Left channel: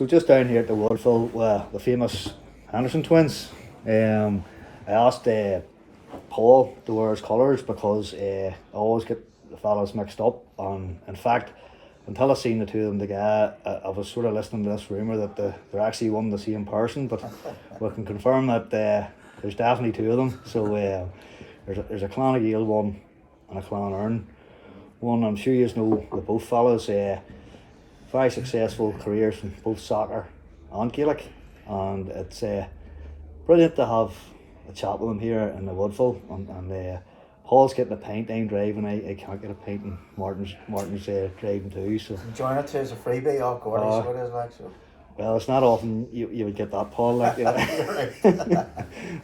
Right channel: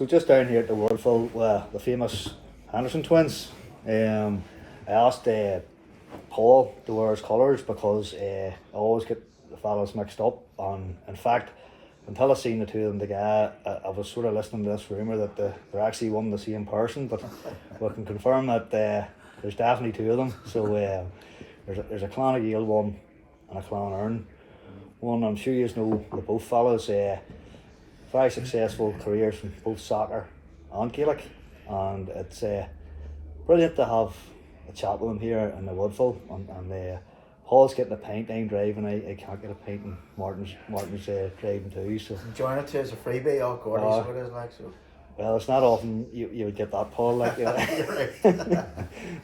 So just down here at the Woodville, the famous Henderson twins, I asked Paul to wear his colours because I always get the fellas mixed up. And in fact, until I seen the two of them together, I was sort of listening to this rumour that they're actually one and the same person. But we can confirm that there's definitely two of them. So there's a Clan Gael one and a Clan Ern one. I'm sure you know the both fellas. Very successful careers in both soccer and Gaelic, and it's brilliant to have a chat with him here in the Woodville. And Paul's getting a pint, I'm driving. I can't get a pint, and Martin's driving too. So enjoying it too as a freebie. Oh, God, he's what it is like. So. Well, it's not often you would get that, Paul. Like,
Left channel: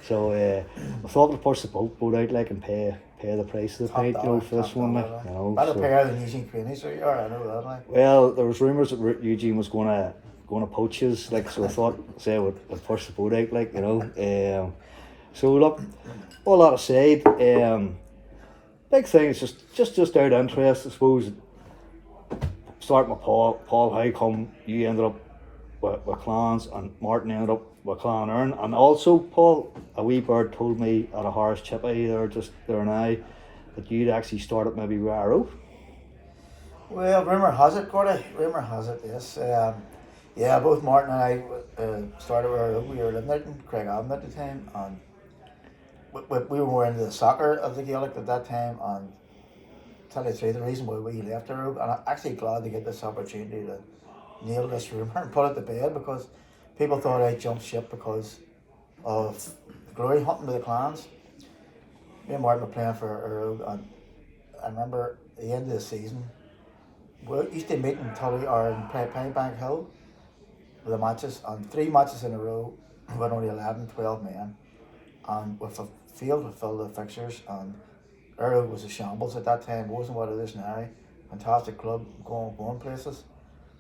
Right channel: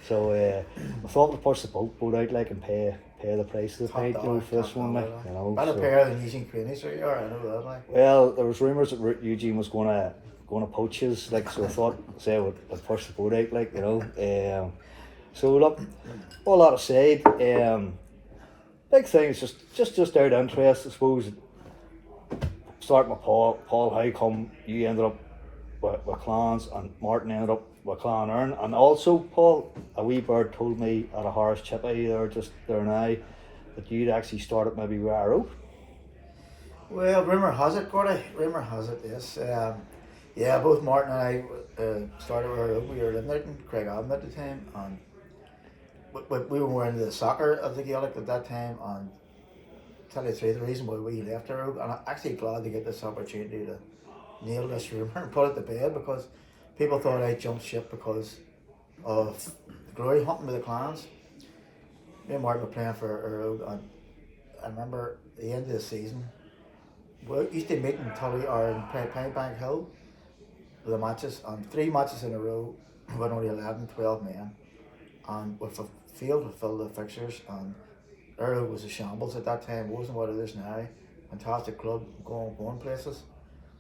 so I thought we'd push the boat out like and pay the price of the pint for this one. Better pair than Eugene Craney, so you are. I know that. Like. Well, there was rumours that Eugene was going to poach his, like, so I thought we'd push the boat out, like, so look, all that aside, big thing is just out of interest, I suppose. Starting with Paul, how come you ended up with clans and Martin ended up with Clan Ern? And also, Paul, a wee bird told me at a Harris Chippy there just there now that you'd actually started maybe with Arrow. Well, rumour has it, Gordy. Rumour has it, yes. Yeah, both Martin and I started with Arrow. We were living out in Craigavon at the time, and we were more into the soccer of the Gaelic at that time. And tell you the truth, the reason why we left Arrow, and I'm actually glad to get this opportunity to nail this rumour and put it to bed, because people thought I jumped ship because of glory hunting with the clans. Me and Martin were playing for Arrow, and I remember at the end of the season, we used to meet in Tully or in Pennybank Hill with the matches, and 3 matches in a row, we had only 11, 12 men, and with the field was filled with fixtures, and Arrow was a shambles at that time. It wasn't what it is now. Fantastic club, going places.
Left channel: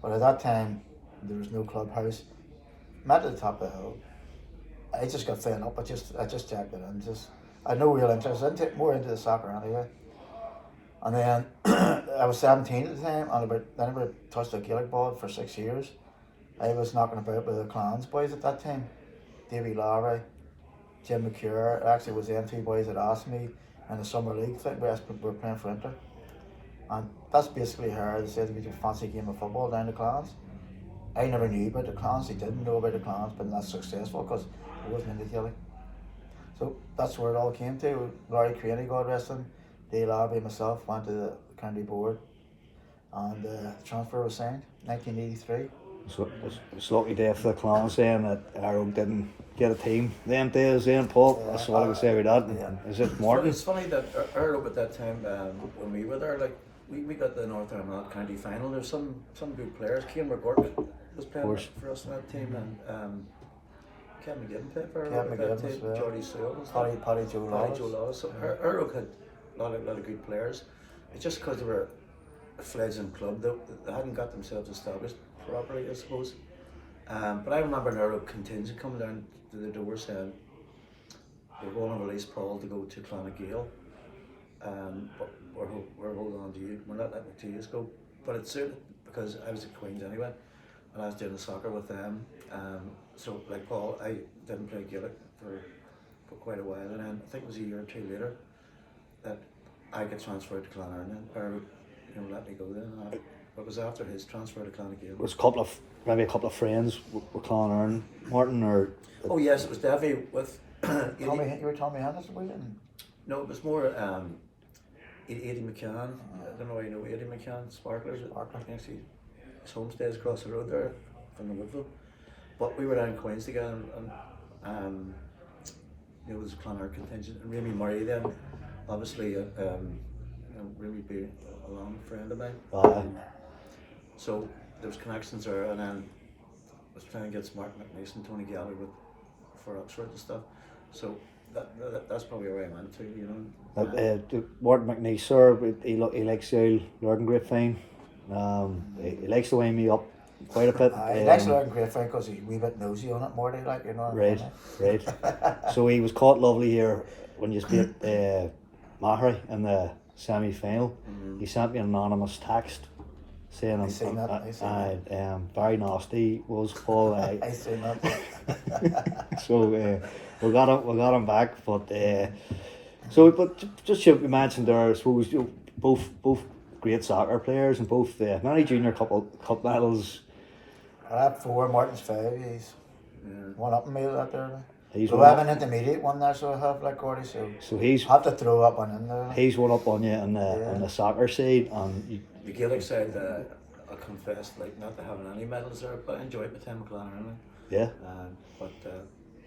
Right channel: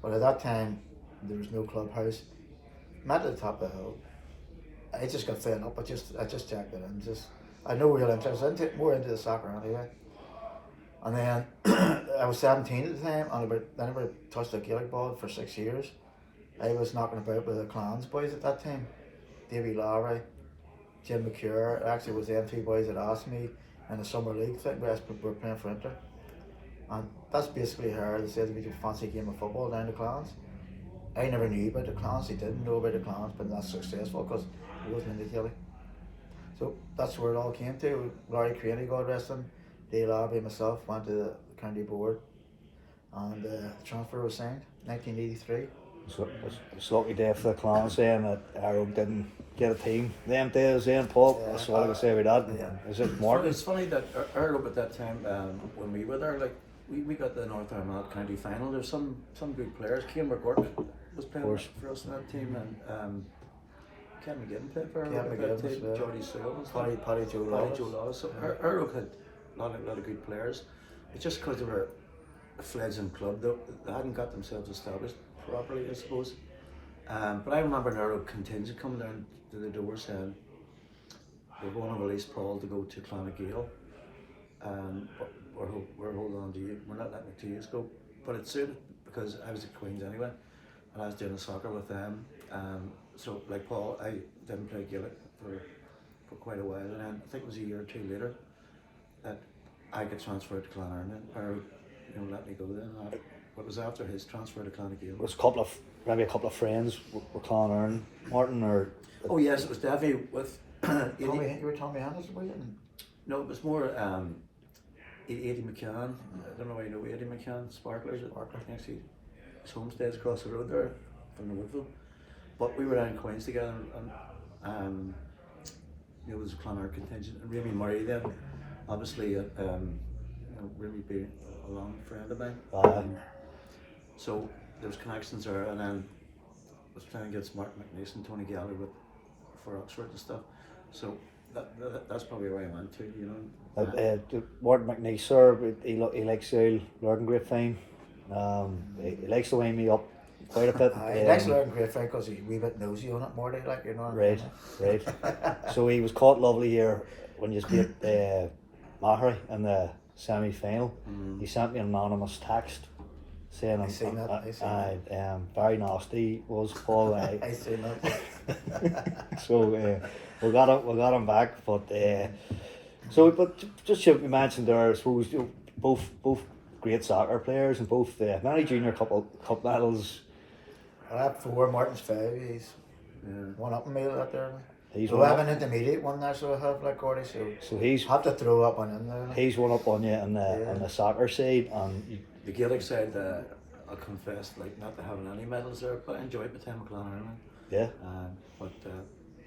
But at that time, there was no clubhouse. Met at the top of the hill. I just got fed up. I just checked it and I had no real interest. More into the soccer anyway. And then I was 17 at the time, and I never touched a Gaelic ball for 6 years. I was knocking about with the Clans boys at that time. Davy Lowry, Jim McCure. It actually was them 2 boys that asked me in the summer league thing. We were playing for Inter. And that's basically how they said we could fancy a game of football down the Clans. I never knew about the Clans. They didn't know about the Clans, but that's successful because it wasn't in the Gaelic. So that's where it all came to. Laurie Craney, God rest him, Dale Abbey, myself went to the county board, and the transfer was signed 1983. So it's lucky day for the Clans saying that Arrow didn't get a team. Them days then, Paul, that's all I can say about that. Yeah. Is it Martin? It's funny that Arrow at that time, when we were there, like, we got the North Armagh County final. There's some good players. Cian McGurk was playing for us in that team, and Kevin McGibbon played for Arrow at that time. Geordie Sewell, Paddy Joe Lawless. So Arrow had a lot of good players. It's just because they were a fledgling club, they hadn't got themselves established properly, I suppose. But I remember an Arrow contingent coming down to the door saying we're going to release Paul to go to Clan Gael. But we're holding on to you. We're not letting the 2 years go. But it suited because I was at Queen's anyway, and I was doing the soccer with them. So like Paul, I didn't play Gaelic for quite a while, and then I think it was a year or 2 later that I get transferred to Clan Ern, or let me go then. What was after his transfer to Clan Gael? There was maybe a couple of friends with Clan Ern, Martin, or. Oh yes, it was Davy with. You were Tommy Henderson, were you? No, it was more Eddie McCann. I don't know why you know Eddie McCann, Sparklers. Actually, his homestead's across the road there from the Woodville. But we were down in Queens together, and there was a Clonard contingent, and Remy Murray then, obviously, Remy being a long friend of mine. So there was connections there, and then I was playing against Martin McNeice and Tony Gallagher for Oxford and stuff. So that's probably where I went to, Martin McNeice, sir, he likes the Lurgan Grapevine. He likes to wind me up quite a bit. He likes to Lurgan Grapevine because he's a wee bit nosy on it, Morty, like, you know. Right. So he was caught lovely here when you beat Mahary in the semi-final. He sent me an anonymous text saying I seen that, I seen that. Barry Nasty was Paul. I seen that. So we got him back, but just you mentioned there, I suppose both great soccer players and both many junior cup medals. I have 4, Martin's 5. He's one up in me out there. He's So I have an intermediate one there, so I have like Gordy. So he's have to throw up one in there. he's one up on you on the soccer side, and The Gaelic side, I'll confess, like not to having any medals there, but I enjoyed my time at Clonard. yeah. But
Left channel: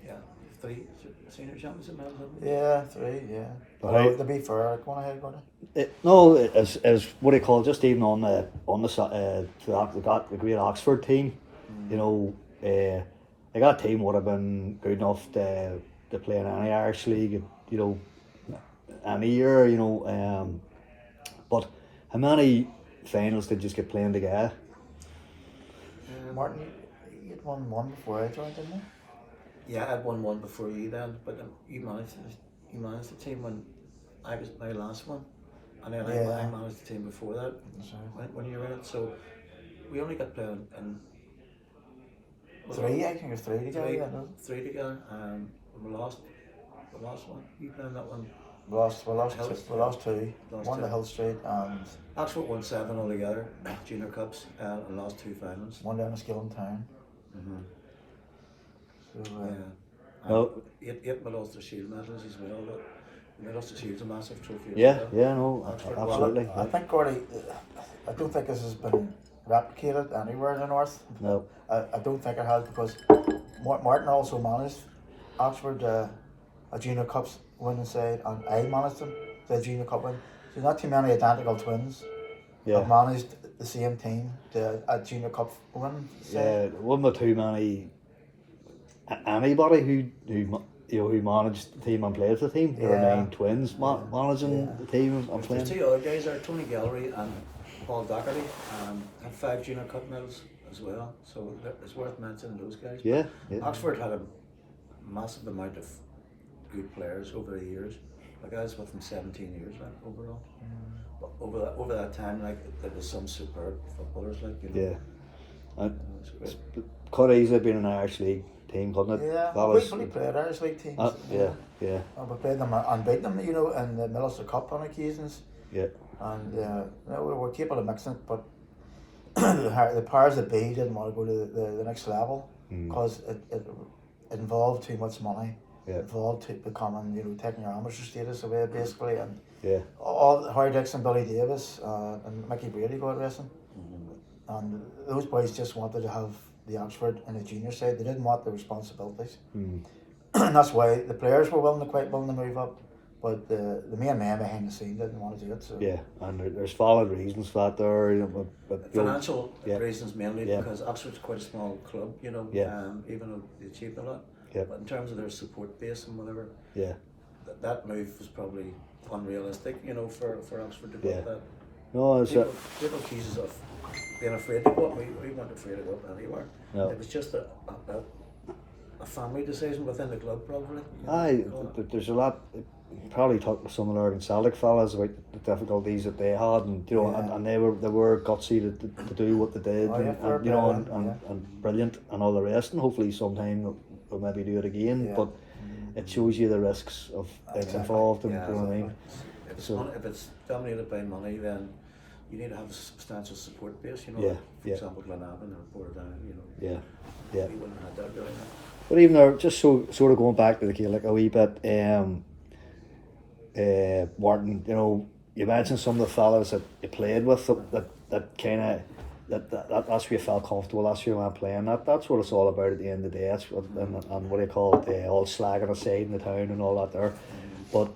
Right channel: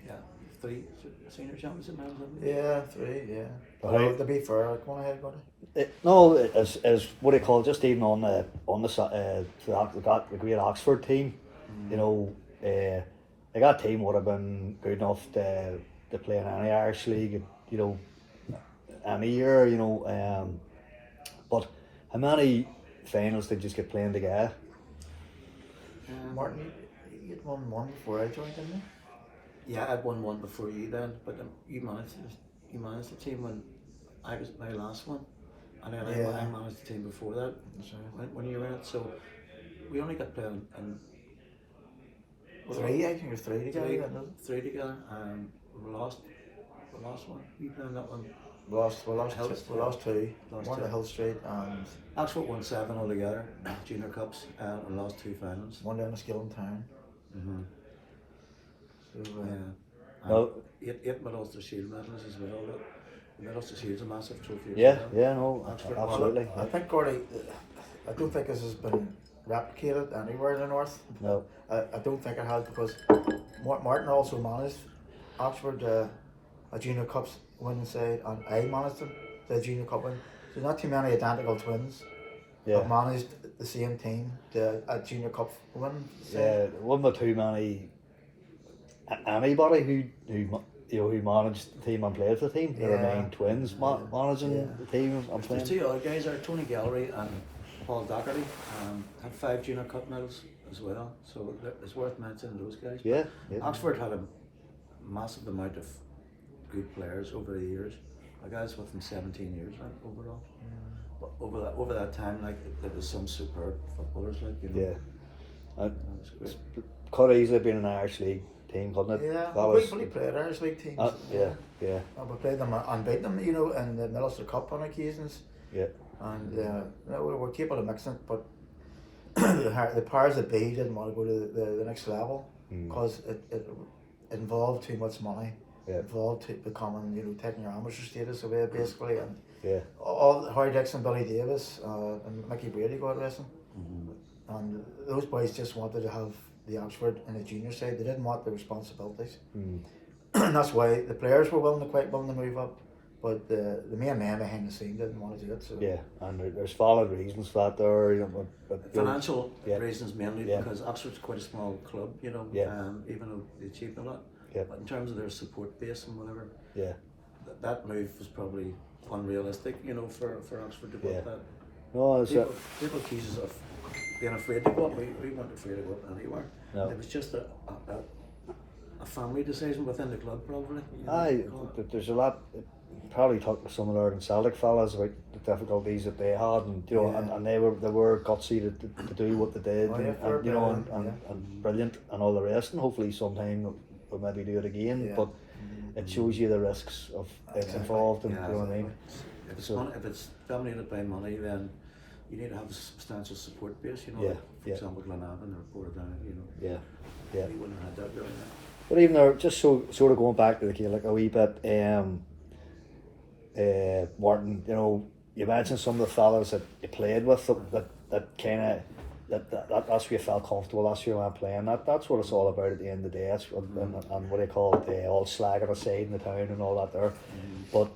yeah, 3 senior championship medals. Haven't we? Yeah, 3, yeah. But But to be fair, go on ahead, Gordy. No, as what do you call it, just even on the the great Oxford team, you know, like that team would have been good enough to play in any Irish league, you know, any year, you know. But how many finals did you just get playing together? Martin, you had won one before I joined, didn't you? Yeah, I'd won one before you then, but you managed the team when I was my last one, and then I managed the team before that when you were in it. So we only got playing in 3, I think it was 3 together. three, Yeah, no? 3 together. We lost one. You playing that one? We lost 2. Lost One 2. to Hill Street and Oxford won 7 altogether, junior cups, and lost 2 finals. one down to Skilling Town. Mm-hmm. So, Yeah. No. 8 Ulster Shield medals as well. The Ulster Shield's a massive trophy. Yeah, as well. yeah, no, Oxford, absolutely. I think, Gordy, I don't think this has been replicated anywhere in the north. No. I don't think it has, because Martin also managed Oxford a junior cups winning side, and I managed them the junior cup win. So not too many identical twins have managed the same team to a junior cup win side. Yeah, there wasn't too many anybody who managed the team and played for the team. There were 9 twins managing the team and The playing. 2 other guys are Tony Gallery and Paul Doherty. Had 5 junior cup medals as well, so it's worth mentioning those guys. Yeah, But yeah. Oxford had a massive amount of good players over the years. Like I was with them 17 years, like overall. But over that time, like there was some superb footballers, like you know. Yeah. And It was great. could easily have been an Irish League team, couldn't it? Yeah, That we was- played Irish League teams. yeah. We played them and beat them, you know, in the Ulster Cup on occasions. Yeah. And we were capable of mixing it, but the powers that be didn't want to go to the next level because it involved too much money. Yeah. It involved becoming, you know, taking your amateur status away basically, and Yeah. all Harry Dixon, Billy Davis, and Mickey Brady, God rest him. And those boys just wanted to have the Oxford and the junior side. They didn't want the responsibilities. And that's why the players were willing to move up, but the main man behind the scene didn't want to do it. So Yeah, and there's valid reasons for that there. You know, but Financial Yeah. reasons mainly, Yeah. because Oxford's quite a small club, you know, Yeah. even though they achieved a lot. Yeah. But in terms of their support base and whatever, Yeah. that move was probably unrealistic, you know, for Oxford to put Yeah. that. No, it's People accuse us of being afraid to go up. We weren't afraid to go up anywhere. No. It was just a family decision within the club, probably. You know, aye, call it. there's a lot. Probably talked with some of our Celtic fellas about the difficulties that they had, and you know, Yeah. and they were gutsy to do what they did, Oh, yeah, fair and you know, play, and brilliant and all the rest, and hopefully sometime we'll maybe do it again. Yeah. But it shows you the risks of Exactly. involved, and Yeah, you know what I mean. If it's dominated by money, then you need to have a substantial support base. You know, Yeah, like, for yeah. example, Glenavon or Portadown. You know, Yeah. we wouldn't have had that really. But even though, just sort of going back to the Gaelic a wee bit, Martin, you know, you mentioned some of the fellas that you played with that kind of that's where you felt comfortable. That's where you went playing. That's what it's all about at the end of the day. That's what, and what do you call it? All slagging aside in the town and all that there. But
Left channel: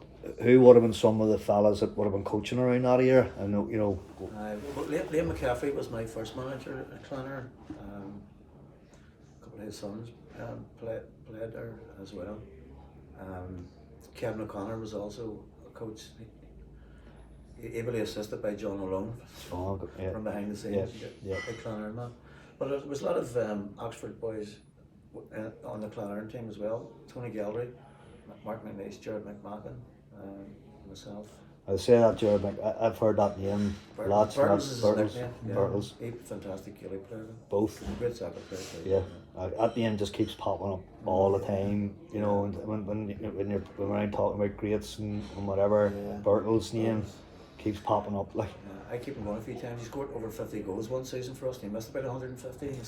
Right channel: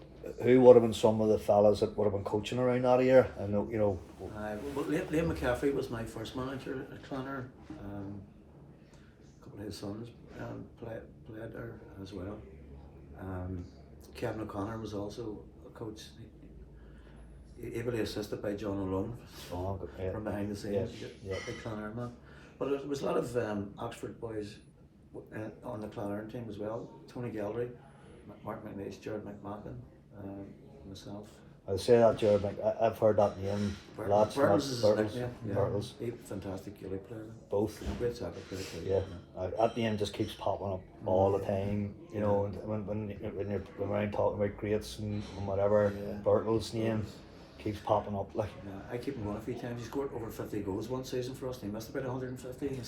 who would have been some of the fellas that would have been coaching around that year? And you know, Well, Liam McCaffrey was my first manager at Clonard. A couple of his sons played there as well. Kevin O'Connor was also a coach, ably assisted by John O'Lone from behind the scenes. Big Clonard man. But there was a lot of Oxford boys on the Clonard team as well. Tony Gallery, Mark McNeice, Jared McMahon, myself. I say that, Jared. I've heard that name lots. Bertles is his nickname. Yeah. Bertles. He's a fantastic Gaelic player. Both. Great soccer player too. Yeah, that name just keeps popping up all the time. You know, and when you're around talking about greats and whatever, Bertles' name keeps popping up. Like, I keep him going a few times. He scored over 50 goals one season for us, and he missed about 150.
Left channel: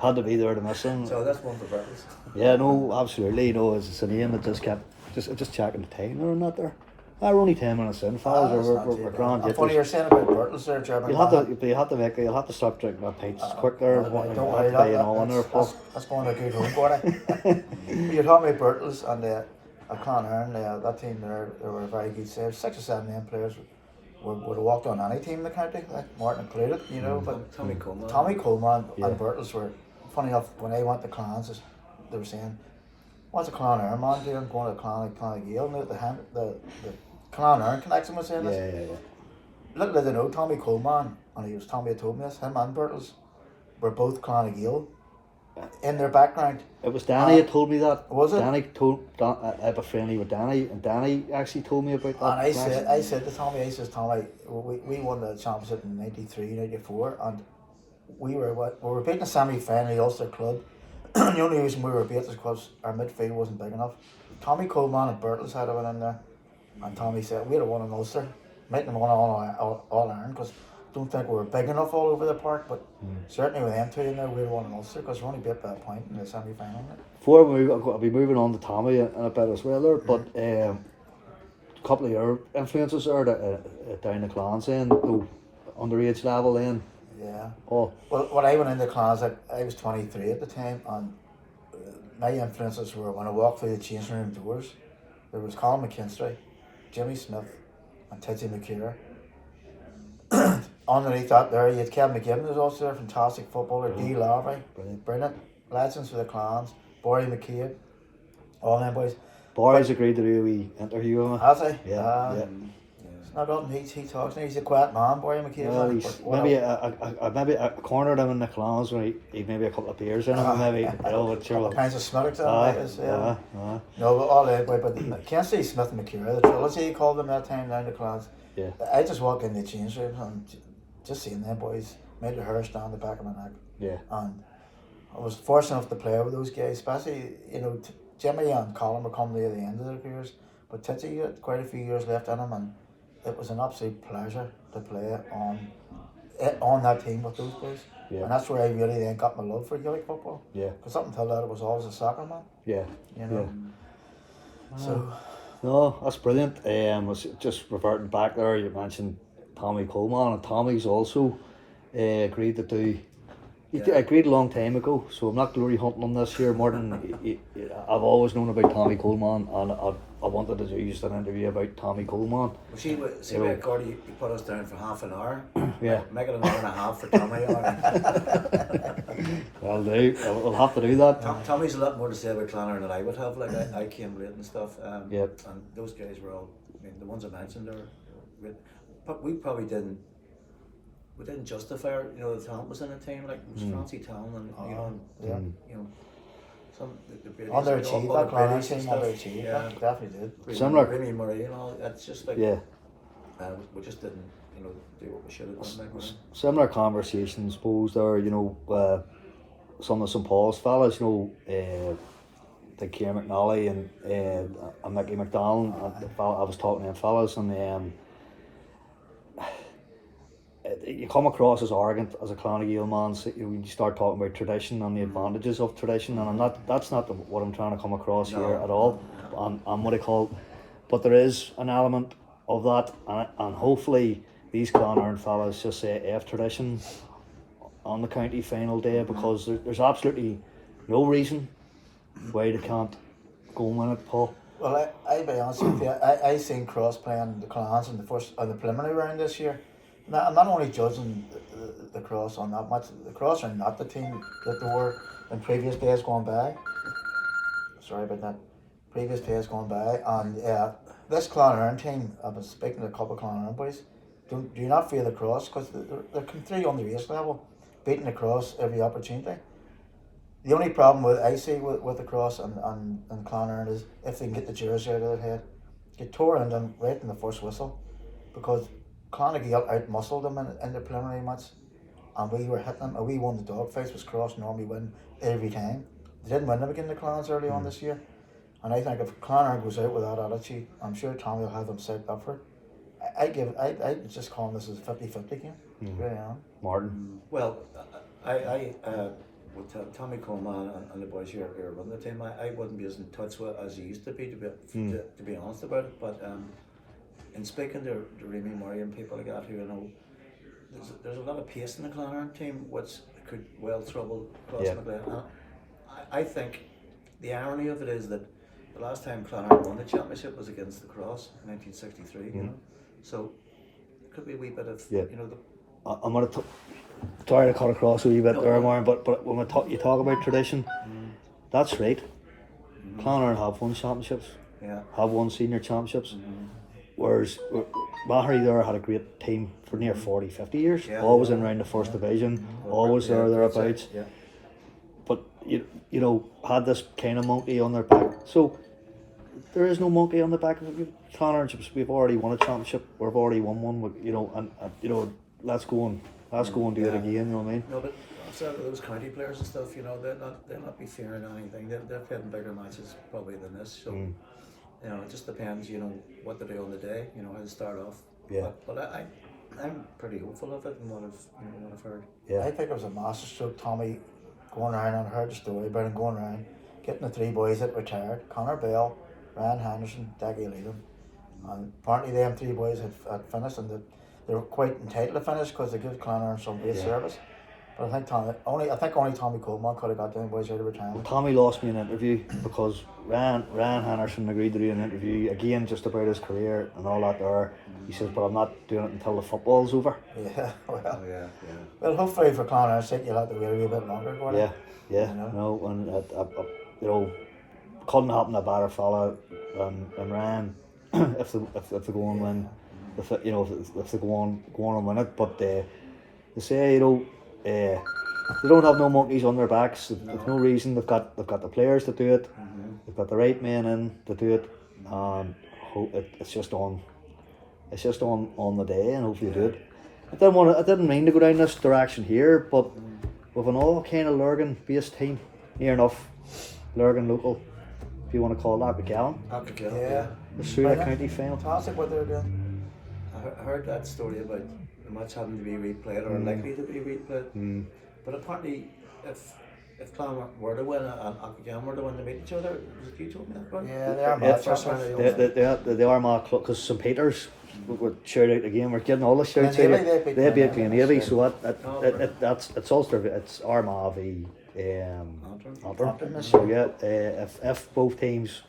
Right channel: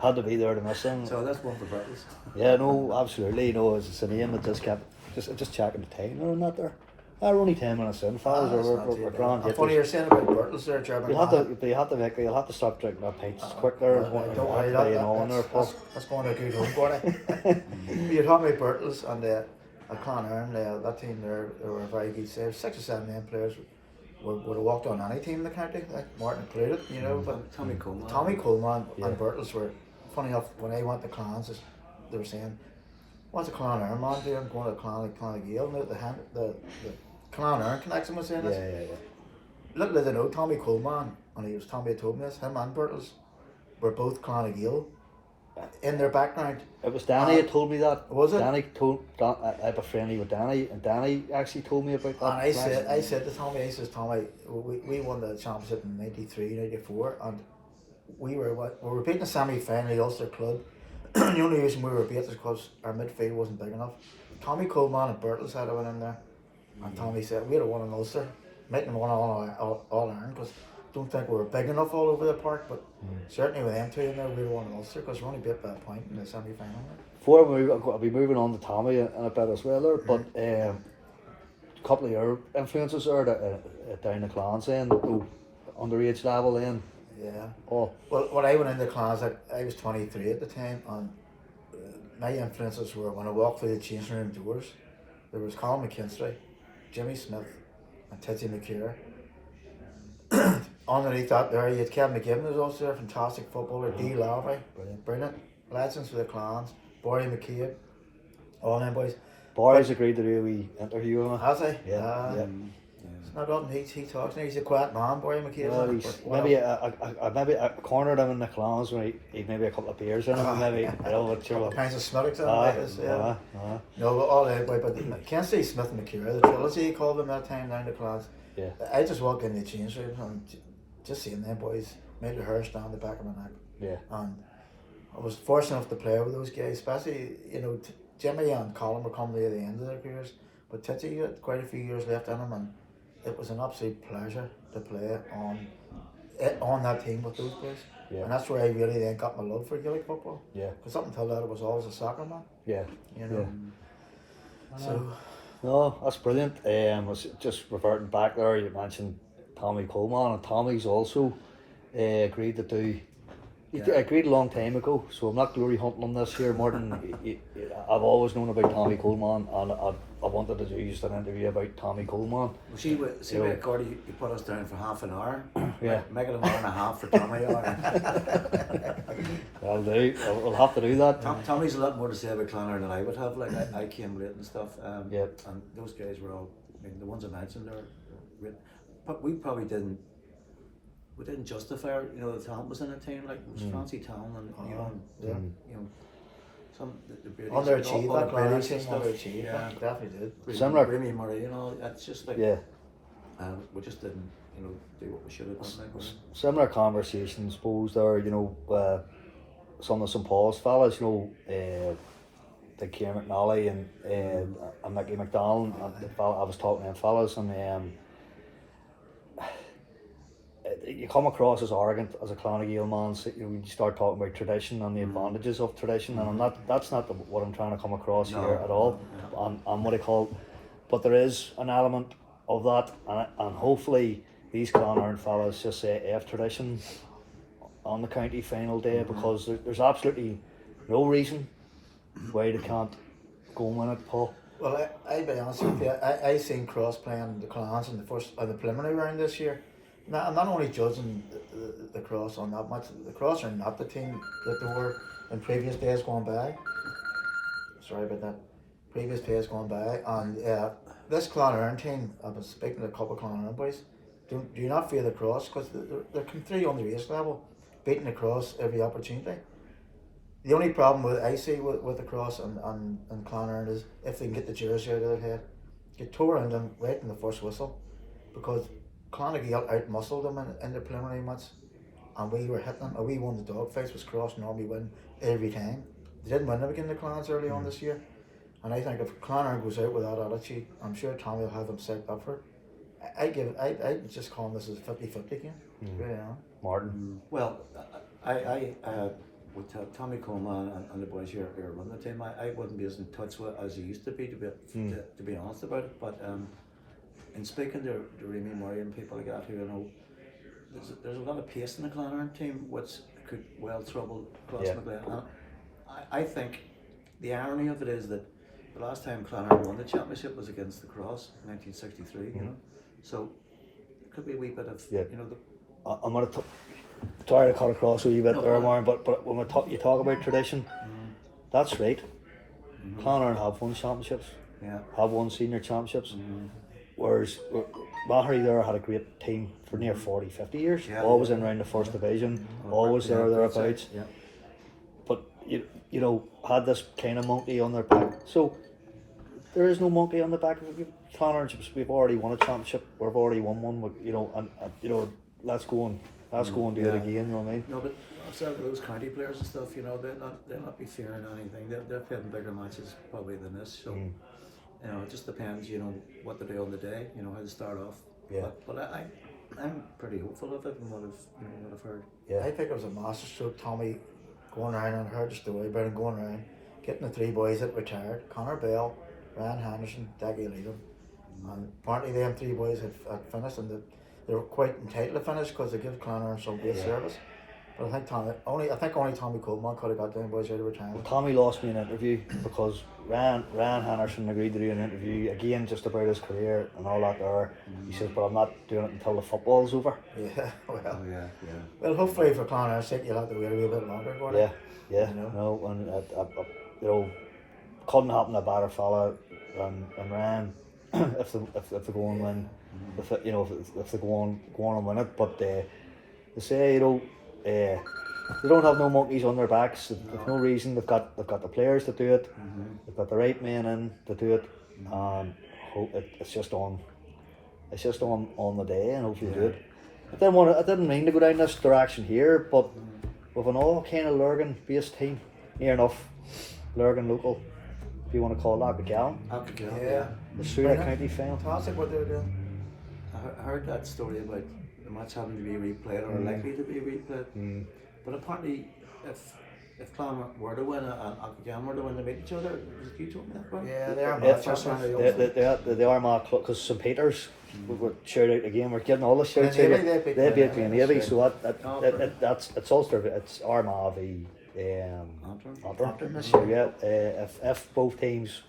had to be there to miss him. So that's one for Bertles. Yeah, no, absolutely. No, it's a name that just kept just checking the time or not there. We're only 10 minutes in, fellas. We're grand. I'm funny you're saying about Bertles there, German. You'll have to stop drinking that pints quick there. Don't worry, that's going to a good home, Gordon. You're talking about Bertles and at Clonerne, that team there, they were a very good save. 6 or 7 main players would have walked on any team in the county, like Martin included, you know. But Tommy Coleman. And Bertles were, funny enough, when I went to Clans, they were saying, what's a Clonerne man doing going to Clonagale? The Clonerne connection was saying this. Yeah. Little did they know, Tommy Coleman, and Tommy had told me this, him and Bertles were both Clonagale in their background. It was Danny that told me that. Was it? Danny I have a friendly with Danny, and Danny actually told me about that. And I said to Tommy, Tommy, we won the championship in 93, 94, and we were beating a semi-final at Ulster Club. The only reason we were beat is because our midfield wasn't big enough. Tommy Coleman and Bertles had went in there, and Tommy said we'd have won in Ulster, might have won all Ireland because I don't think we were big enough all over the park, but certainly with them two in there, we'd have won in Ulster because we only beat by a point in the semi-final. Before I'll be moving on to Tommy in a bit as well there, but a couple of your influences there down the Clans then, underage level then. Yeah. Oh. Well, when I went into Clans, I was 23 at the time, and my influences were when I walked through the changing room doors, there was Colin McKinstry, Jimmy Smith, and Titsy McCure. Underneath that there, you had Kevin McGibbon was also there, fantastic footballer, Dee Lowry, brilliant, legends for the Clans, Barry McCabe, all them boys. Barry's agreed to do a wee interview with me. Has he? Yeah. It's not often he talks now, he's a quiet man, Barry McCabe. Maybe I cornered him in the Clans when he maybe a couple of beers in him, maybe. All kinds of smitters on No, but all that, but Kensey, Smith and McCure, the trilogy he called them that time down the Clans. Yeah. I just walked in the change room and just seeing them boys made the hair stand the back of my neck. Yeah. And I was fortunate enough to play with those guys, especially, you know, Jimmy and Colin were coming near the end of their careers, but Titsy had quite a few years left in him, and it was an absolute pleasure to play on that team with those boys. Yeah. And that's where I really then got my love for Gaelic football. Yeah. Because up until that, I was always a soccer man. Yeah. You know. Yeah. So. No, that's brilliant. Was just reverting back there, you mentioned Tommy Coleman, and Tommy's also agreed to do. He agreed a long time ago, so I'm not glory hunting on this here. Martin, I've always known about Tommy Coleman, and I wanted to do just an interview about Tommy Coleman. Well, see what Gordy, you put us down for half an hour. Yeah. Make it an hour and a half for Tommy. We'll have to do that. Tommy's a lot more to say about Clonerne than I would have. Like I came late and stuff. Yep. And those guys were all. I mean, the ones I mentioned are great, but we probably didn't. We didn't justify our, you know, the talent was in the team, like it was fancy talent, and you know, some the underachieved that Clonerne team, underachieved. Definitely did. Similar. Remy Murray, you know, it's just like we just didn't, you know, do what we should have done. Like similar conversations, suppose there, you know, some of St Paul's fellas, you know, like Kieran McNally and Mickey McDonald. I was talking to them fellas, and you come across as arrogant as a Clonagale man when you start talking about tradition and the advantages of tradition, and that's not what I'm trying to come across here at all. And what I call, but there is an element of that, and hopefully these Clonerne fellas just say F tradition on the county final day, because there's absolutely no reason why they can't go and win it, Paul. Well, I'll be honest with you, I seen Cross playing the Clans in the preliminary round this year. I'm not only judging the Cross on that much. The Cross are not the team that they were in previous days gone by. Sorry about that. Previous days gone by, and this Clonerne team, I've been speaking to a couple of Clonerne boys, do not fear the Cross, because they're come through on the race level, beating the Cross every opportunity. The only problem I see with the Cross and Clonerne is if they can get the jersey out of their head. get tore in them right in the first whistle because Clonagale out-muscled them in the preliminary match, and we were hitting them, and we won the dogfights, which Cross normally win every time. They didn't win them against the Clans early on this year, and I think if Clonard goes out with that attitude, I'm sure Tommy will have them set up for it. I just call this as a 50-50 game. Really am. Martin. Well, I with Tommy Coleman and the boys here running the team, I wouldn't be as in touch with as he used to be to be honest about it. But in speaking to Remy Murray and people like that who I know, there's a lot of pace in the Clonard team which could well trouble Cross McGlade. And I think the irony of it is that the last time Clonard won the championship was against the Cross in 1963. You know, so it could be a wee bit of you know the. I'm going to sorry to cut across a wee bit there, problem. Warren, but when you talk about tradition, that's right. Clonard have won championships, have won senior championships, whereas Mahary there had a great team for near 40-50 years, always in around the first division, always thereabouts. Yeah. But you know, had this kind of monkey on their back. So there is no monkey on the back of the Clonard. We've already won a championship. We've already won one. You know, and you know, let's go and do it again. You know what I mean? No, but I've said with those county players and stuff, you know, they'll not be fearing anything. They're playing bigger matches probably than this. So you know, it just depends. You know, what they do on the day. You know, how to start off. Yeah. But I'm pretty hopeful of it and what I've heard. Yeah. I think it was a masterstroke. Tommy going around, and heard the story about him going around, getting the three boys that retired: Connor Bell, Ryan Henderson, Daggy Leedham. And apparently them three boys had finished, and they were quite entitled to finish because they give Clonard some great service. But I think only Tommy Coleman could have got them boys out of retirement. Tommy lost me an interview because Ryan Henderson agreed to do an interview again just about his career and all that there. He says, but I'm not doing it until the football's over. Yeah, well. Yeah. Well, hopefully for Clonard's sake, you'll have to wait a bit longer. Yeah. You know? No, and you know, couldn't happen to a better fella than Ryan if they go and win. If they go on and win it, but they say, you know, they don't have no monkeys on their backs. There's no reason. They've got the players to do it. They've got the right men in to do it. It's just on the day, and hopefully do it. I didn't mean to go down this direction here, but with an all kind of Lurgan based team, near enough Lurgan local, if you want to call that, McGowan. Yeah. The Surrey County final. Fantastic what they're doing. I heard that story about the match having to be replayed or likely to be replayed. But apparently, if Clonard were to win and Acklegan were to win, they meet each other. Was it you told me that? Right? Yeah, they are mad. First round of the They are my club because St Peter's would shout out the game. We're getting all the shouts Glen out. Avey, They beat Glen Avey, right. so it's Ulster. It's Armagh v Antrim this So yeah, if both teams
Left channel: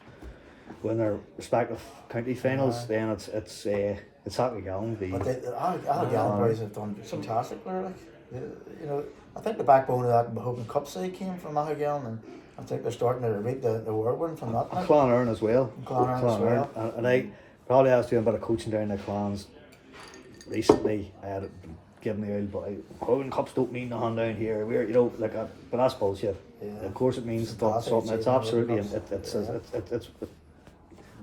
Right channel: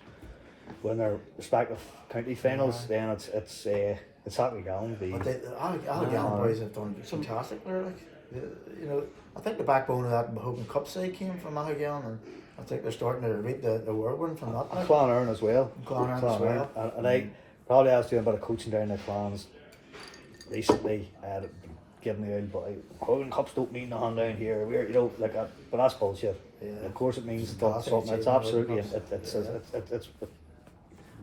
win their respective county finals, then it's Acklegan v. But the Acklegan boys have done fantastic there. Like, you know, I think the backbone of that Hogan Cup side came from Acklegan, and I think they're starting to reap the whirlwind from that. Like. Clonard as well. Clonard as well. And I probably was doing a bit of coaching down the Clans recently. Giving the old boy Hogan Cups don't mean nothing down here. We're but that's bullshit. Yeah. Of course it means Classic, something. It's absolutely it's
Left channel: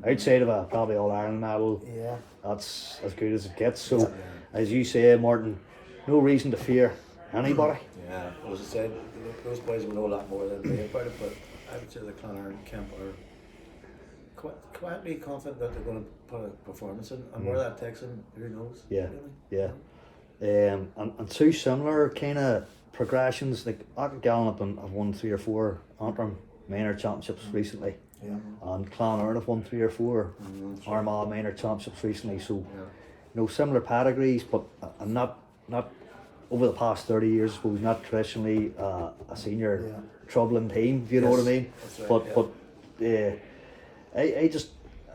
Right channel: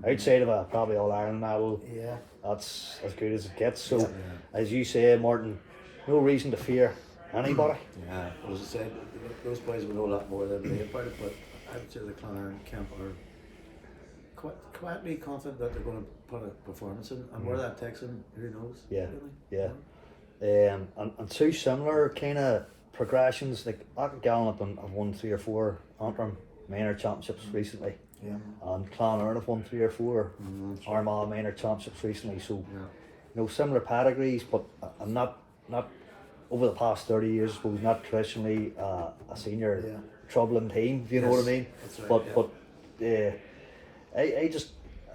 outside of a probably All Ireland medal. Yeah. That's as good as it gets. So as you say, Martin, no reason to fear anybody. Yeah, well, as I said, those boys will know a lot more than me about it, but I would say the Clonard camp are quietly confident that they're going to put a performance in, and where that takes them, who knows? Yeah, really? yeah. And two similar kind of progressions. Like Acklegan have won 3 or 4 Antrim minor championships recently. Yeah. And Clonard have won 3 or 4 Armagh minor championships recently. So Yeah. you know, similar pedigrees, but I'm not over the past 30 years, I suppose, not traditionally a senior troubling team, if you know what I mean. That's right, But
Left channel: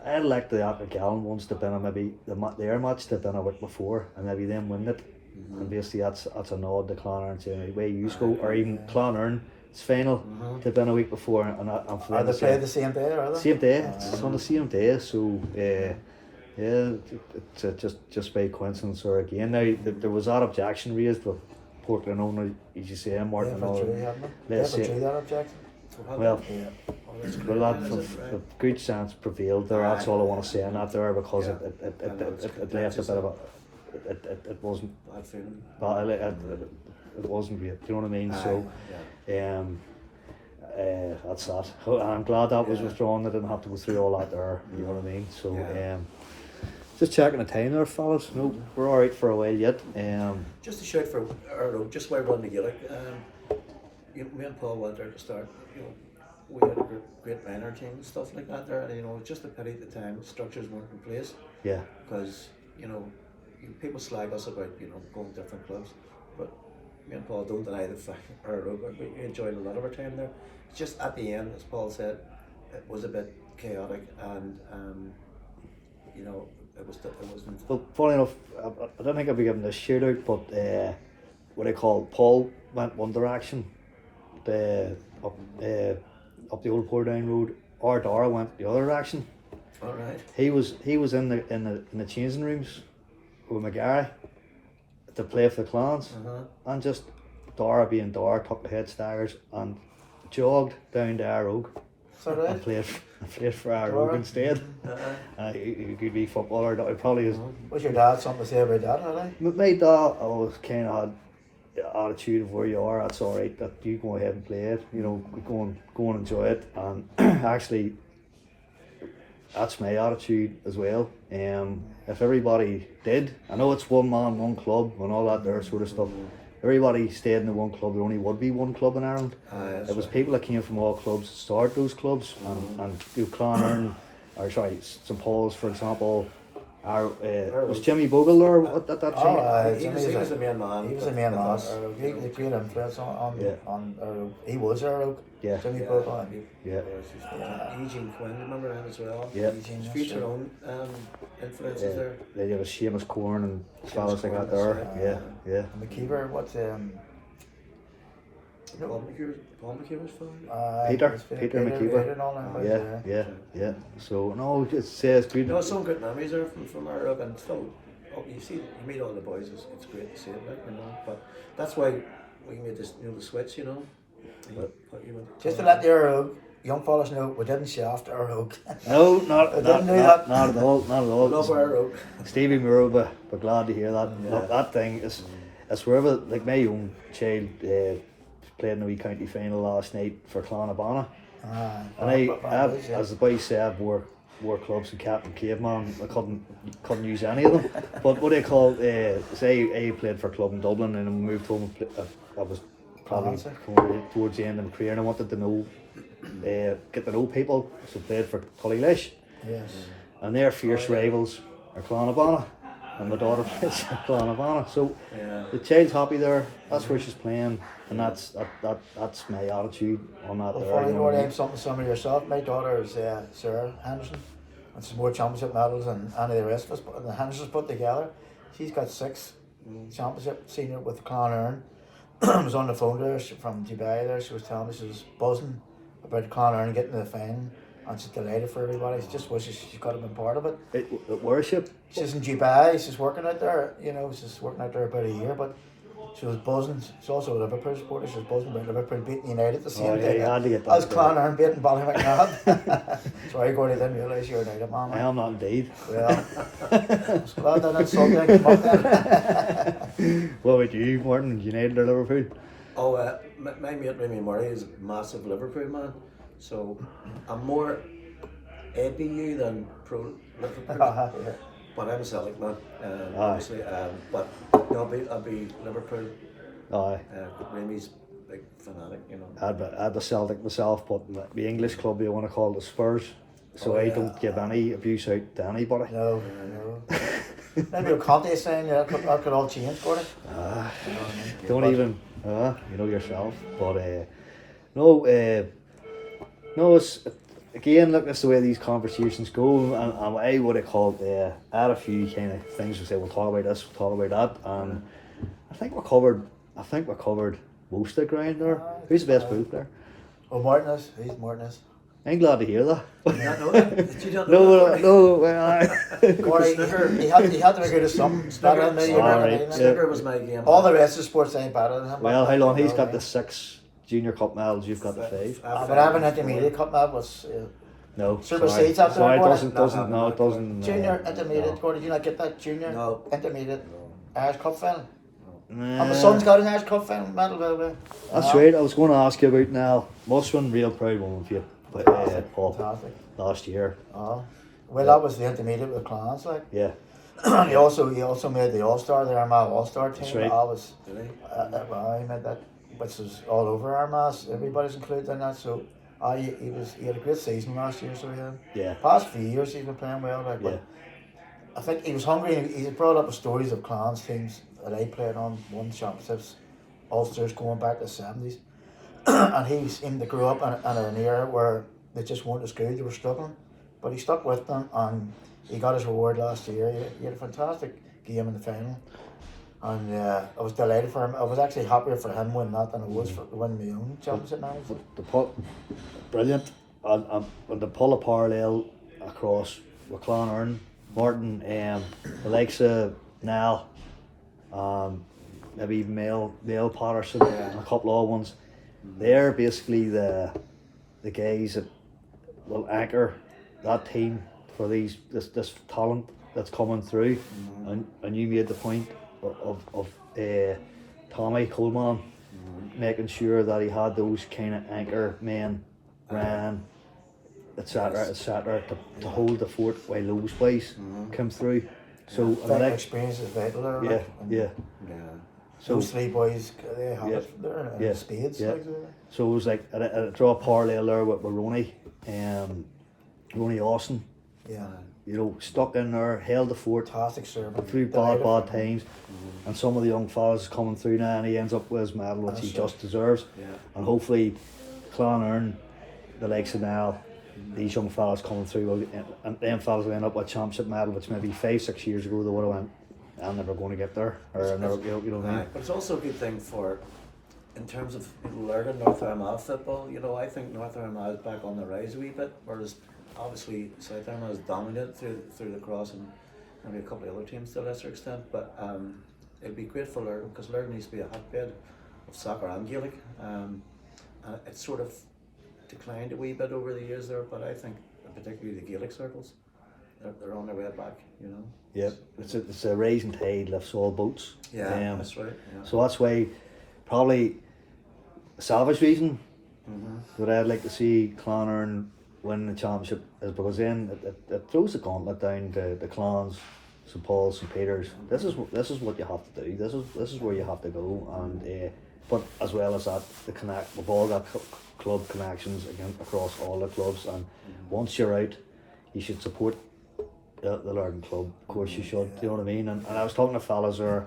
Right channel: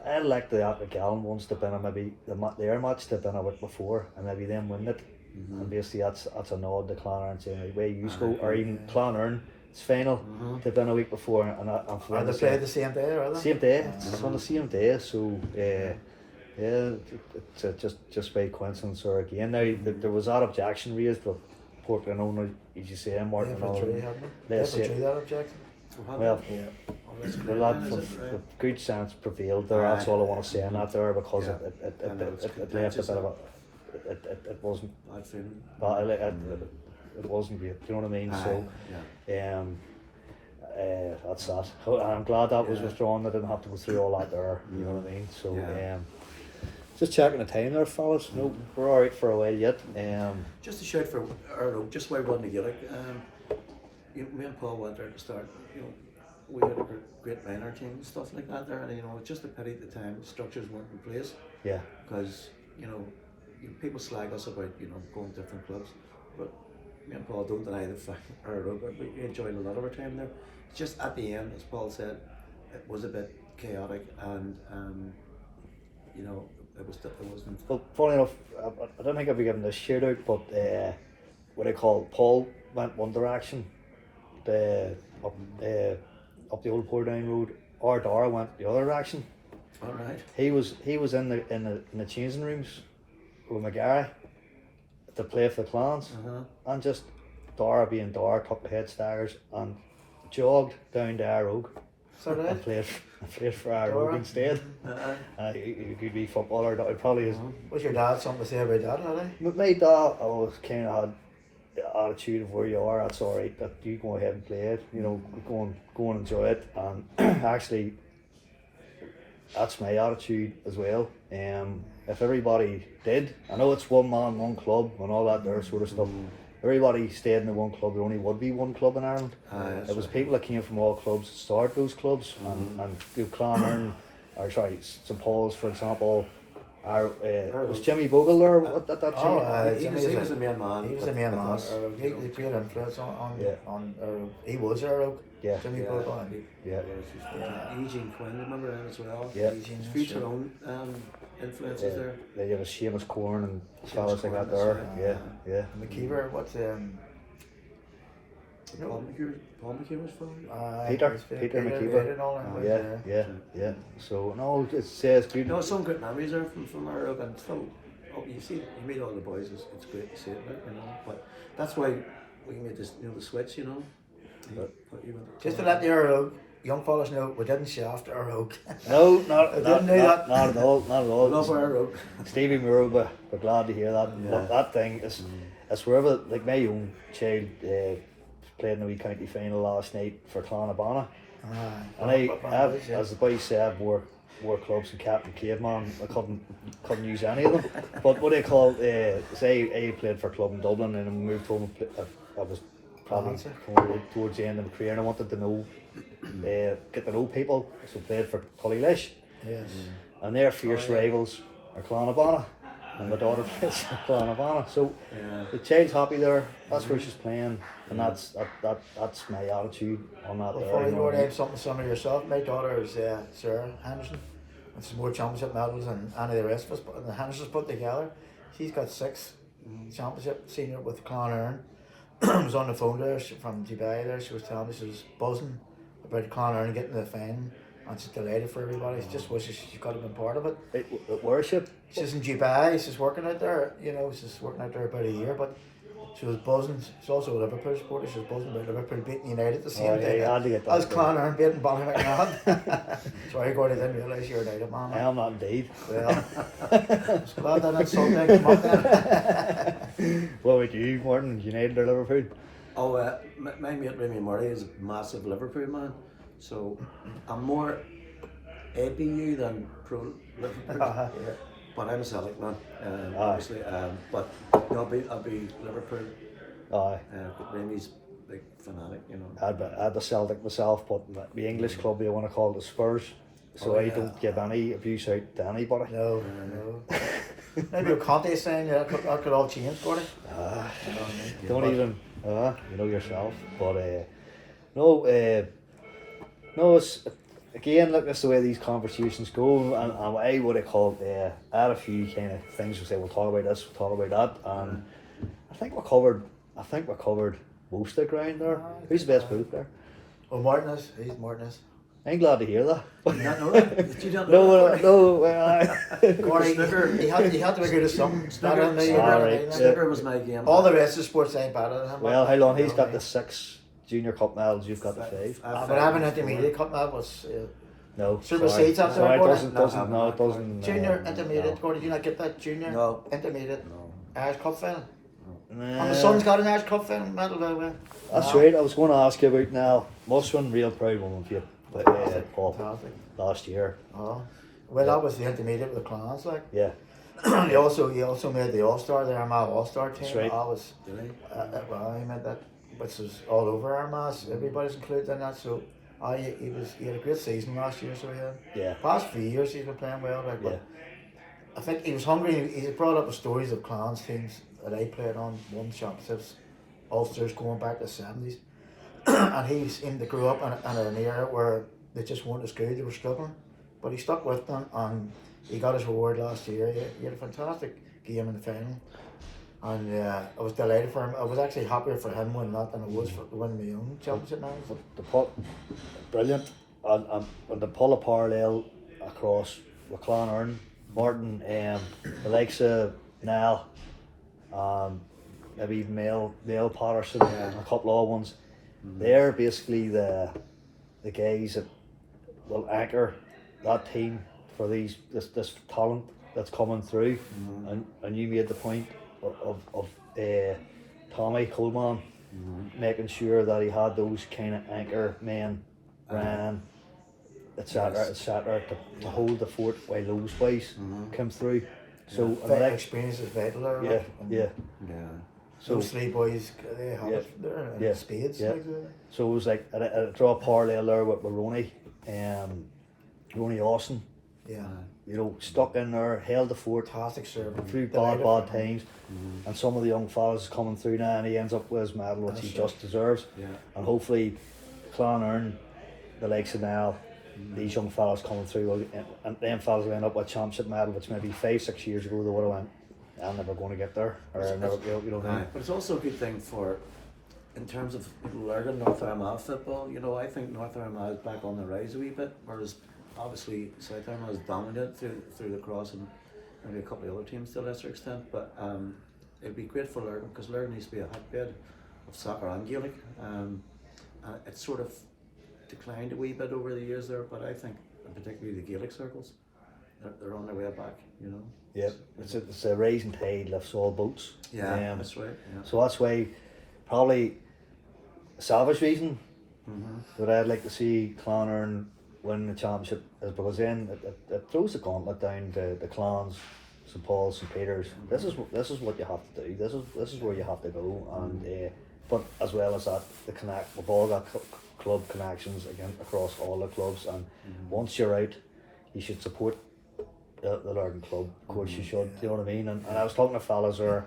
I like the Acklegan ones to been maybe their match they've been a week before and maybe them win it. And basically that's a nod to Clonard and saying way you go, or even Clonard it's final they've been a week before and Are they played the same day, or are they? same day, it's on the same day, so it's just by coincidence or again. Now there was that objection raised with Portland owner, as you say, Martin. They withdrew, haven't they? They Let's say- withdrew that objection. had Well, that. Yeah. Oh, that's well, great, that, man, is it, the right? good sense prevailed there. That's all I want to say in that there, because Yeah. it And it was left a bit contentious, of a, it wasn't, bad feeling. well, it wasn't great. Do you know what I mean? Aye, So, yeah. that's that. And I'm glad that was Yeah. withdrawn. I didn't have to go through all that there. You know what I mean? So, Yeah. just checking the time there, fellas. No, we're all right for a while yet. Just a shout for Earl, just while we're on the Gaelic, me and Paul went there to start, we had a great minor team and stuff like that there, and it's just a pity at the time structures weren't in place, Yeah. because, people slag us about, going to different clubs, but me and Paul don't deny the fact, we enjoyed a lot of our time there. It's just at the end, as Paul said, it was a bit chaotic, and, it wasn't. Well, funny enough, I don't think I'll be giving this shout out, but what I call Paul went one direction, up the old Portadown Road. Or Dara went the other direction. All right. He was in the changing rooms with McGarry to play for the clans, and just Dara being Dara took the head stairs and jogged down to our Road So and did. played for our Dara? Road instead. He could be footballer. He probably is. Was your dad something to say about that, really? But my dad always kind of had the attitude of where you are, that's all right, that you go ahead and play it, go and enjoy it. And actually, that's my attitude as well. If everybody did, I know it's one man, one club, and all that there sort of stuff. Everybody stayed in the one club. There only would be one club in Ireland. It was people that came from all clubs to start those clubs, and Clonard, or sorry, St Paul's, for example. Was Jimmy Bogle there at that time? Oh, He Jimmy was a main man. He was a main man. He had a great influence on Earl. He was Earl. Yeah. Jimmy Bogle. Yeah. Eugene Quinn, remember him as well? Yeah. His future own influences there. Yeah, you have a Seamus Corn and fellas like Corn, that there. that's Yeah, yeah. And McKeever, what's Paul McKeever's father? Peter McKeever. and all them guys, Yeah. So no, it says good. No, some good memories there from our rug, and still, you see, you meet all the boys. It's great to see it, But that's why we made this, the switch, Just to let the Earl young fellas know, we didn't shaft our Rogue. No, I didn't do that. Not at all. Love our rug. Stevie Murrow, but glad to hear that. Yeah. That thing is, it's wherever, like my own child played in the wee county final last night for Clonabana. And as the boy said, wore clubs and Captain Caveman. I couldn't use any of them. But what they call, say I played for a club in Dublin and then moved home. I was probably towards the end of my career, and I wanted to know, get to know people. So I played for Tullylish. Yes. And their fierce rivals are Clonabana, and my daughter plays for Clonabana. So the child's happy there. That's where she's playing, and that's my attitude on that. Well, there, funny, you name something similar yourself. My daughter is Sarah Henderson, and she's more championship medals than any of the rest of us. But the Hendersons put together, she's got 6 championship senior with Clonard. I was on the phone there from Dubai there. She was telling me she was buzzing about Clonard getting to the final. And she's delighted for everybody. She just wishes she could have been part of it. It worship. She's in Dubai. She's working out there. She's working out there about a year. But she was buzzing. She's also a Liverpool supporter. She was buzzing about Liverpool beating United at the same time. As Clonard beating Ballymacnabb. Sorry, Gordon, I didn't realise you were a United man. I am not indeed. Well, I was glad that insult didn't come up then. What about you, Martin? United or Liverpool? Oh, my mate Remy Murray is a massive Liverpool man. So I'm more ABU than pro Liverpool, Yeah. but I'm a Celtic man, obviously. But I'll be Liverpool. Aye. Remy's big fanatic, I'd the Celtic myself, but the English club you want to call the Spurs. So I don't give any abuse out to anybody. No. Maybe a contest saying that could all change, Gordon. Don't even, you know yourself. But no, it's again, look, that's the way these conversations go, and I would have called add a few kind of things. We say we'll talk about this, we'll talk about that, and I think we covered most of the ground there. Who's the best booth there? Oh, Martinez. He's Martinez. I'm glad to hear that. You don't know that? You don't know that? No, well, Gordon, he had to be good at something. Better than me. Alright, Snooker was my game. All the rest of the sports ain't better than him. well, how long? He's got the 6 junior cup medals, you've got the 5. But I have an intermediate cup medal was No, supersedes that there, Sorry, it Gordon. doesn't, doesn't, no, it doesn't. Junior, no, intermediate, no. Gordon, did you not get that? Junior, No. intermediate, No. Irish Cup final. Nah. And my son's got an Irish Cup final medal, by the way. That's Wow. right. I was going to ask you about now. Must have been real proud one of you, but Paul, Fantastic. last year. Oh. Well, that was the intermediate with the Clans, like. Yeah, he also made the All-Star, the Armagh All-Star team. That's right. I was, Did he? well, he made that, which was all over Armagh. Everybody's included in that. So, he had a great season last year. So yeah, past few years he's been playing well. Like, but yeah. I think he was hungry. He brought up the stories of Clans teams that I played on, won championships, Ulsters going back to the 70s, and he seemed to grow up in an era where they just weren't as good. They were struggling, but he stuck with them and he got his reward last year. He had a fantastic game in the final, and I was delighted for him. I was actually happier for him winning that than I was for winning my own championship now. Brilliant. And to pull a parallel across with Clonard, Martin, the likes of Nell, maybe even Mail Patterson, and a couple of other ones. They're basically the guys that will anchor that team for this talent that's coming through. And you made the point of Tommy Coleman making sure that he had those kind of anchor men, Ryan, etc., to hold the fort while those boys come through. So That experience is vital there. yeah, like, and yeah. So those three boys, they have Yeah. it there in Yeah. spades. Yeah. Like, So it was like I draw a parallel there with Ronnie, Ronnie Austin. yeah, You know, stuck in there, held the fort fantastic servant. through Delighted bad for him. times, and some of the young fellas coming through now, and he ends up with his medal, which he That's right. just deserves. Yeah. And hopefully, Clonard, the likes of now, these young fellas coming through, and them fellas will end up with a championship medal, which maybe 5-6 years ago they would have went, I'm never going to get there, or I'm never, you know what I mean? But it's also a good thing for, in terms of learning North Armagh football. You know, I think North Armagh is back on the rise a wee bit, whereas obviously South Armagh is dominant through the cross and maybe a couple of other teams to a lesser extent. But it'd be great for Lurgan because Lurgan needs to be a hotbed of soccer and Gaelic. It's sort of declined a wee bit over the years there, but I think particularly the Gaelic circles, they're on their way back. You know. Yeah, it's a rising tide lifts all boats. Yeah, that's right. Yeah. So that's why, probably, a selfish reason that I'd like to see Clonard win the championship is because then it throws the gauntlet down to the clans, St Paul's, St Peters. This is what you have to do. This is where you have to go. And but as well as that, we've all got club connections again across all the clubs. And once you're out, you should support the Lurgan club. Of course you should. Do you know what I mean? And I was talking to fellas who are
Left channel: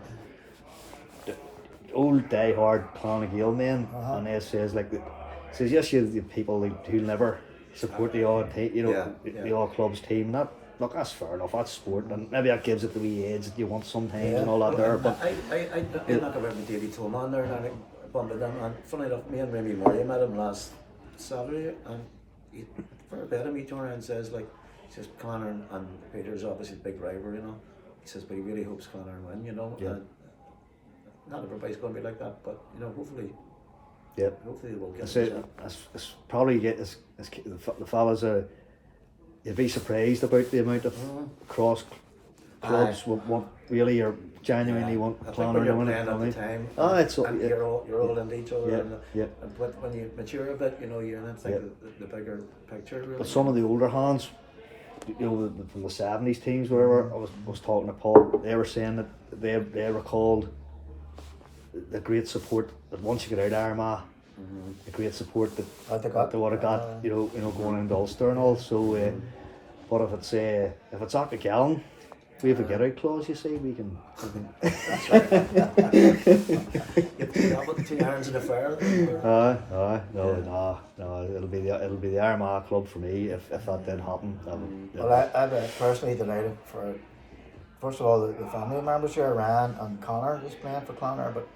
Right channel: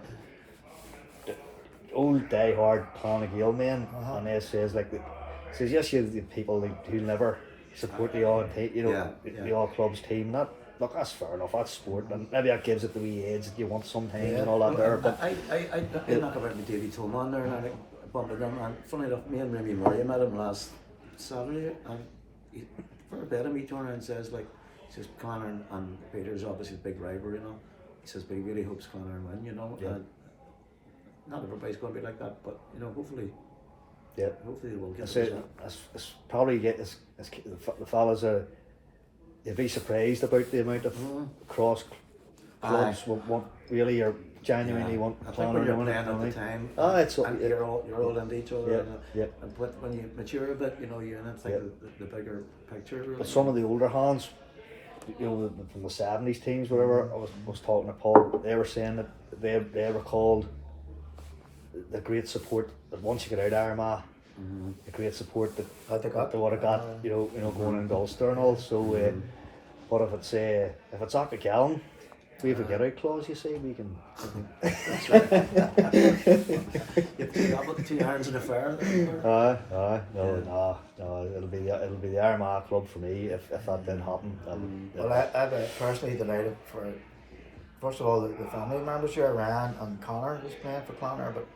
old die-hard Clan Gael men, and they says yes, you the people who never support the odd the odd club's team. Look, that's fair enough. That's sport, and maybe that gives it the wee edge that you want sometimes and all that there. But I knock about with Davy Tolman there, and I bumped into him. And funny enough, me and Remy Murray met him last Saturday, and he, for a bit of me, turned around and says Connor and Peter's obviously a big rivalry, you know. He says, but he really hopes Connor win, you know. Yeah. And not everybody's going to be like that, but you know, hopefully we'll get it. It's probably the fellas are. You'd be surprised about the amount of cross clubs want really or genuinely want. I think when you're playing at the time, you're all into each other, but when you mature a bit, you know, you're in the bigger picture. Really. But some of the older hands, you know, from the 70s teams, whatever, I was talking to Paul, they were saying that they recalled the great support that once you get out of Armagh, the great support that they would have got, you know, going into Ulster and all. So, but if it's Aka Gallen, we have a get out clause, you see, we can. That's right. You have 2 irons in a fire. No, it'll be the Armagh club for me if that didn't happen. Well, I'm personally delighted for, first of all, the family members here, Ryan and Connor is playing for Clonard, but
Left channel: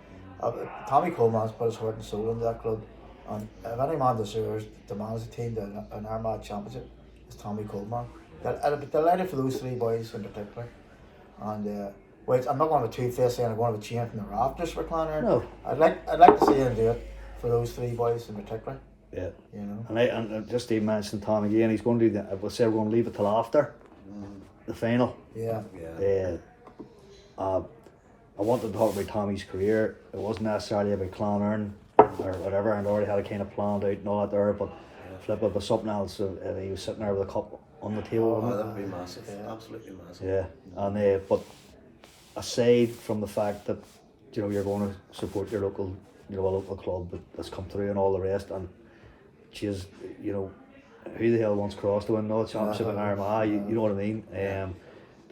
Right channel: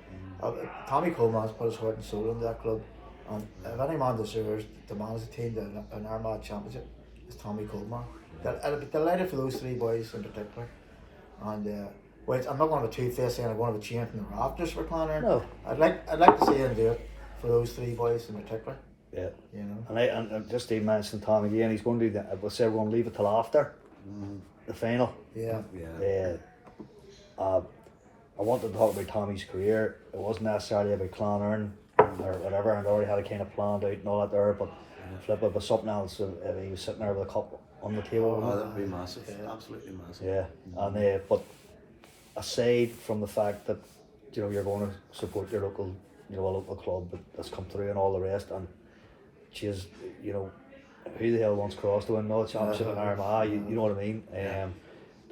Tommy Coleman's put his heart and soul into that club, and if any man deserves to manage the team to an Armagh championship, it's Tommy Coleman. I'd be delighted for those 3 boys in particular, and wait, I'm not going to two-face saying I'm going to change from the rafters for Clonard. No. I'd like to see him do it for those three boys in particular. Yeah. You know. And just even mentioned Tom again, he's going to do that. We said we're going to leave it till after the final. Yeah. I wanted to talk about Tommy's career. It wasn't necessarily about Clonerne or whatever, and I already had it kind of planned out and all that there, but flip it was something else. He was sitting there with a cup on the table. Oh, that would be massive. Absolutely massive. Yeah, and but aside from the fact that you're going to support your local, a local club that's come through and all the rest, and she's, who the hell wants Cross to win the championship in Armagh? You know what I mean?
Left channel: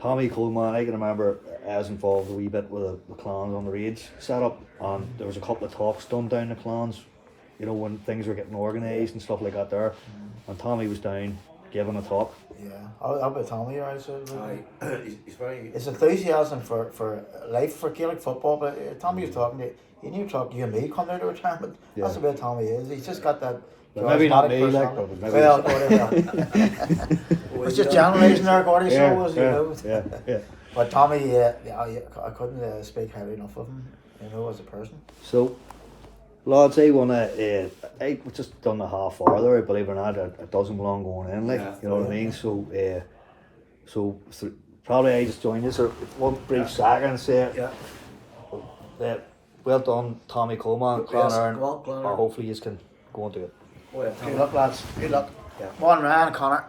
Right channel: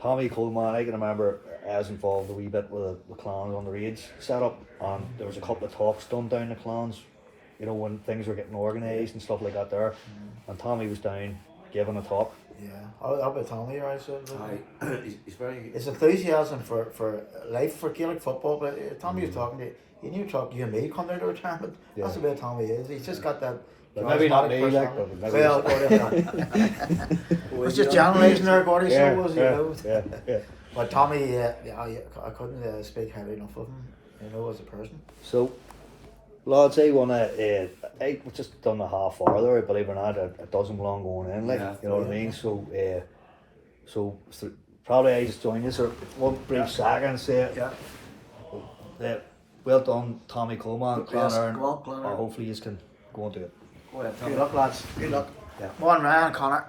Tommy Coleman, I can remember I was involved a wee bit with the clans on the raids set up, and there was a couple of talks done down the clans, when things were getting organised and stuff like that there, and Tommy was down giving a talk. Yeah, how about Tommy? Right, so he's very. His enthusiasm for life, for Gaelic football. But Tommy was talking to you talk you and me come down to retirement. Yeah. That's the way Tommy is. He's just got that. Well, maybe not me, personality. but Well, whatever. It's just generalising there, Gordy. So was yeah. But Tommy, I couldn't speak highly enough of him. As a person. So, lads, I just done a half hour there. Believe it or not, it doesn't belong going in. You know what I mean. So probably I just join you. So one brief second and say, well done, Tommy Coleman, Clonerne. Go on, Clonerne. Hopefully you can go on to it. Go ahead, Good luck, lads. Good luck. Yeah. Come on, Ryan, Connor.